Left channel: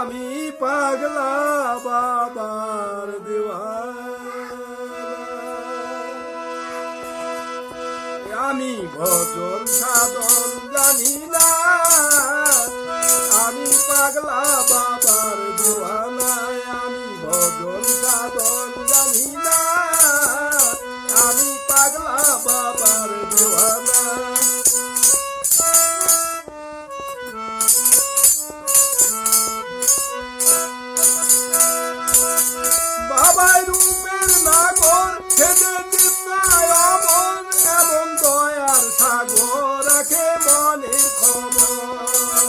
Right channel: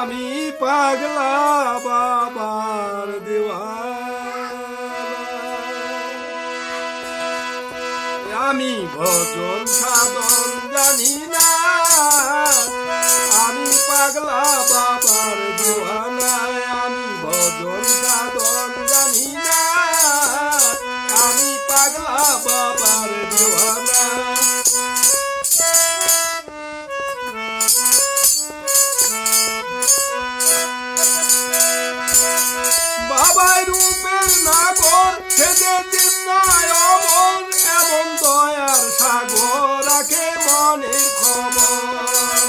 আমি পাগলা বাবার দেওয়ানা, আমি ভজন সাধন জানি না, আমি পাগলা বাবার দেওয়ানা, আমি ভজন সাধন জানি না, আমি পাগলা বাবার দেওয়ানা। বাবার রূপের নাগর সেজে চিন্তায় অমন, এমন দয়ার সাগর রাখে মনের খবর।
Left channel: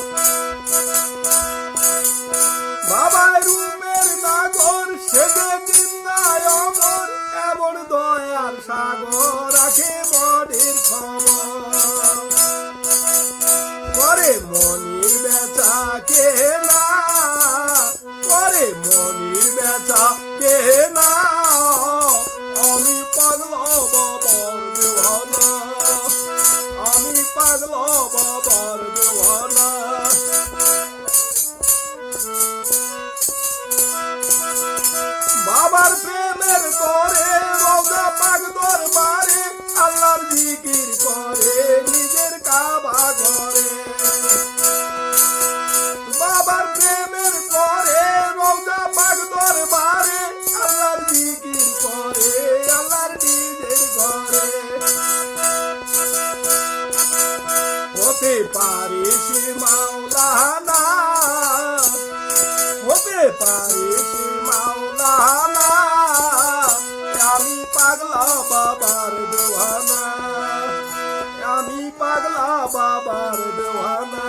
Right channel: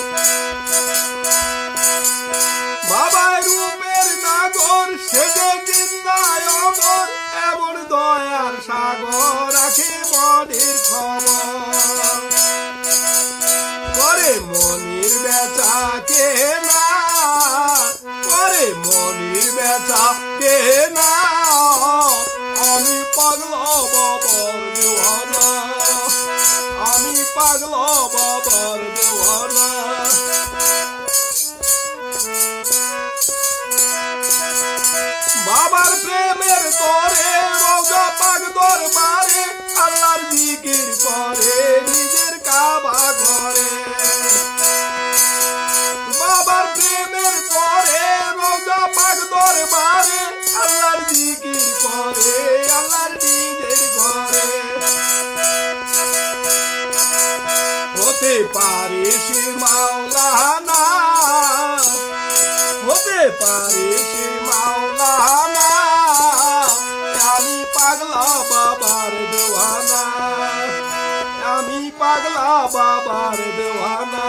বাবার রূপের নাগর সেজে চিন্তায় অমন, এমন দয়ার সাগর রাখে মনের খবর। করে মনির বেচা কে না, করে মনির বেচা কে না, আমি পাগলা বাবার দেওয়ানা, আমি পাগলা বাবার দেওয়ানা। বাবার প্রেমের তরে রওজা পাক দরবারে, আল্লাহর জিকির করে নিজের কাবা ঘরে। বাবার প্রেমের তরে রওজা পাক দরবারে, আল্লাহর জিকির করে আল্লাহর নিজের ঘরে। হতে পারে সে মাওলানা, হতে পারে সে মাওলানা, আমি পাগলা বাবার দেওয়ানা, আমি পাগলা বাবার দেওয়ানা।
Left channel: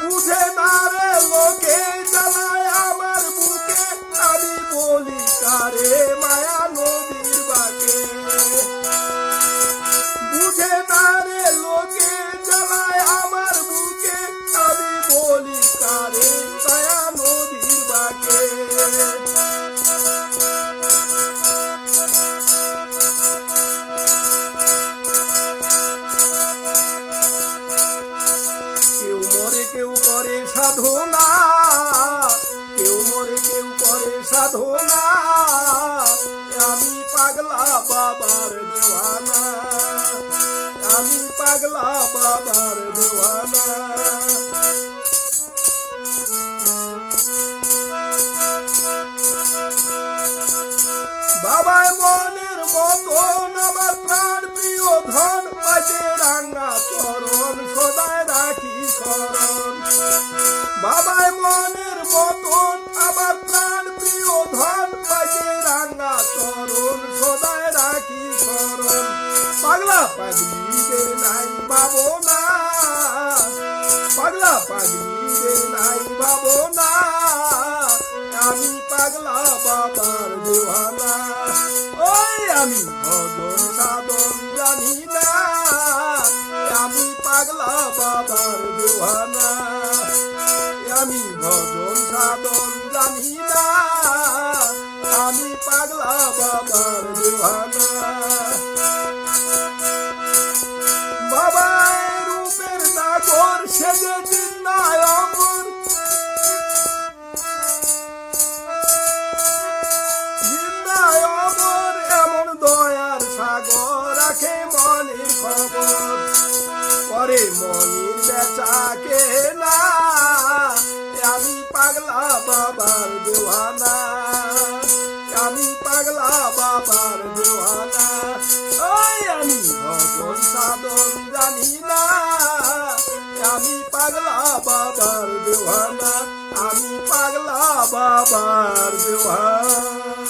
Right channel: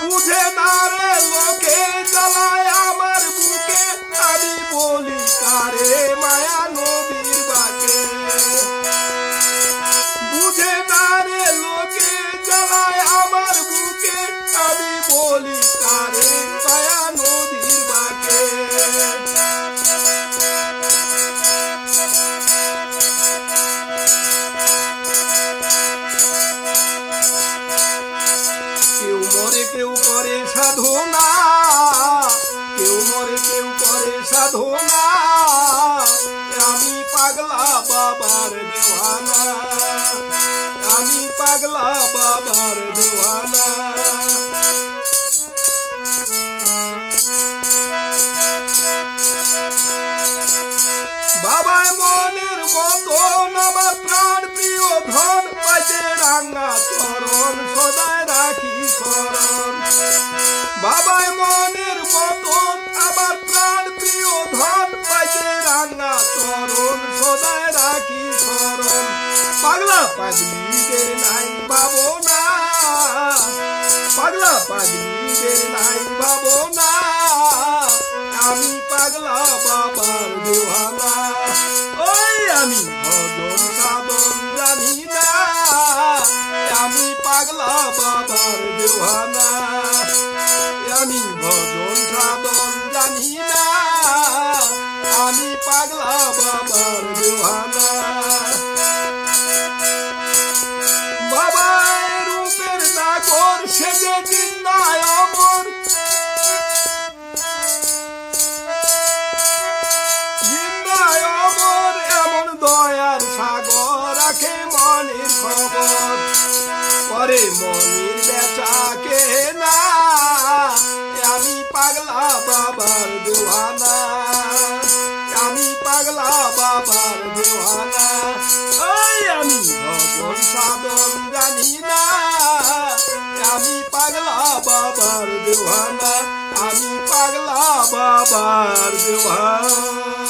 বুঝে না রে লোকে জ্বালায় আমার বুকে, আমি বলি কারে মায়া নবীর বাকে। বুঝে না রে লোকে জ্বালায় আমার বুকে, আমি বলি কারে মায়া নবীর বাকে। কেউ মরে কেউ করে সাধনা, কেউ মরে কেউ করে সাধনা, আমি পাগলা বাবার দেওয়ানা, আমি পাগলা বাবার দেওয়ানা। বাবাই মনের মতন আমার প্রাণ প্রিয় ধন, পাইতে রাঙা চরণ সদায় রাখি শরণ। বাবাই মনের মতন আমার প্রাণ প্রিয় ধন, পাইতে রাঙা চরণ সদায় রাখি শরণ। পাগলা পাগলিদের নাই ভাবনা, পাগলা পাগলিদের নাই ভাবনা, আমি পাগলা বাবার দেওয়ানা। ওই আমি ভজন সাধন জানি না, আমি পাগলা বাবার দেওয়ানা, আমি ভজন সাধন জানি না, আমি পাগলা বাবার দেওয়ানা। বাবার রূপের নাগর সেজে চিন্তায় অমর, চিন্তায় অমর, এমন দয়ার সাগর রাখে মনের খবর। করে মনির বেচা কে না, আমি পাগলা বাবার দেওয়ানা, আমি পাগলা বাবার দেওয়ানা। ওই আমি ভজন সাধন জানি না, আমি পাগলা বাবার দেওয়ানা, আমি পাগলা বাবার দেওয়ানা।